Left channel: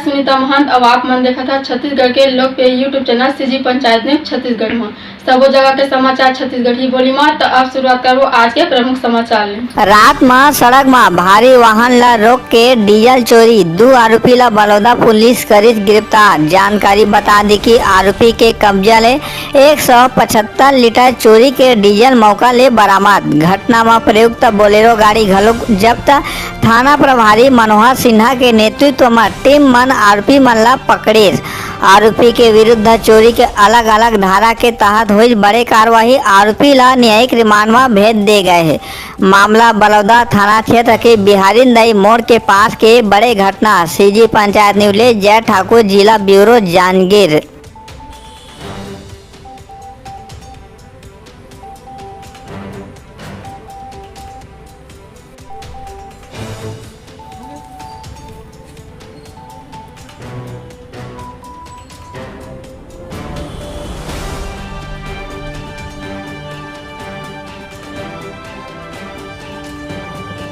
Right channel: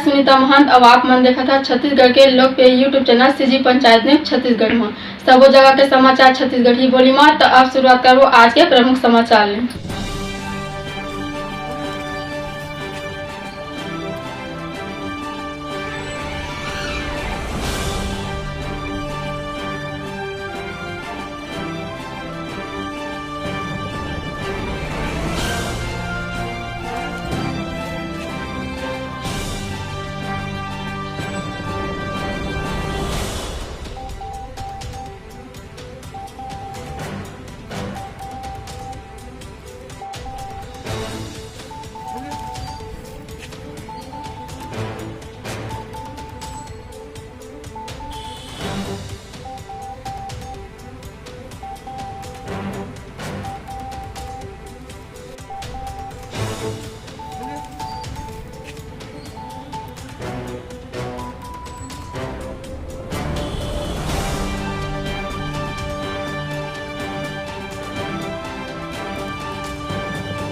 सुनीता महंत अब आप मन देखा था छत्तीसगढ़ के लोकप्रिय YouTube channel CG panchayat news Chhattisgarh में सबो जगह के समाचार छत्तीसगढ़ी बोली में। तो अब शुरुआत करो आज के प्रमुख समाचार ले। रात में सड़क में भारी वाहन ला रोक के डीजल चोरी 2 आरोपी ला बलौदा पुलिस करी गिरफ्तार। जानकारी बता दी कि आरोपी के कब्जा ले 175 लीटर चोरी के डीजल मौका ले बरामद। घटना में प्रयुक्त बोलेरो गाड़ी घलो जब्त। थाना प्रभारी मनोहर सिन्हा के नेतृत्व में टीम मन आरोपी मन ला पकड़े। आरोपी के विरुद्ध चोरी के अलग अलग धारा के तहत हुई बड़े कार्यवाही। आरोपी ला न्यायिक रिमांड में भेज दे गए है। मामला बलौदा थाना क्षेत्र के बिहारी नई मोड़ के पास के बड़े घटना। सीजी पंचायत न्यूज ले जय ठाकुर, जिला ब्यूरो जांजगीर।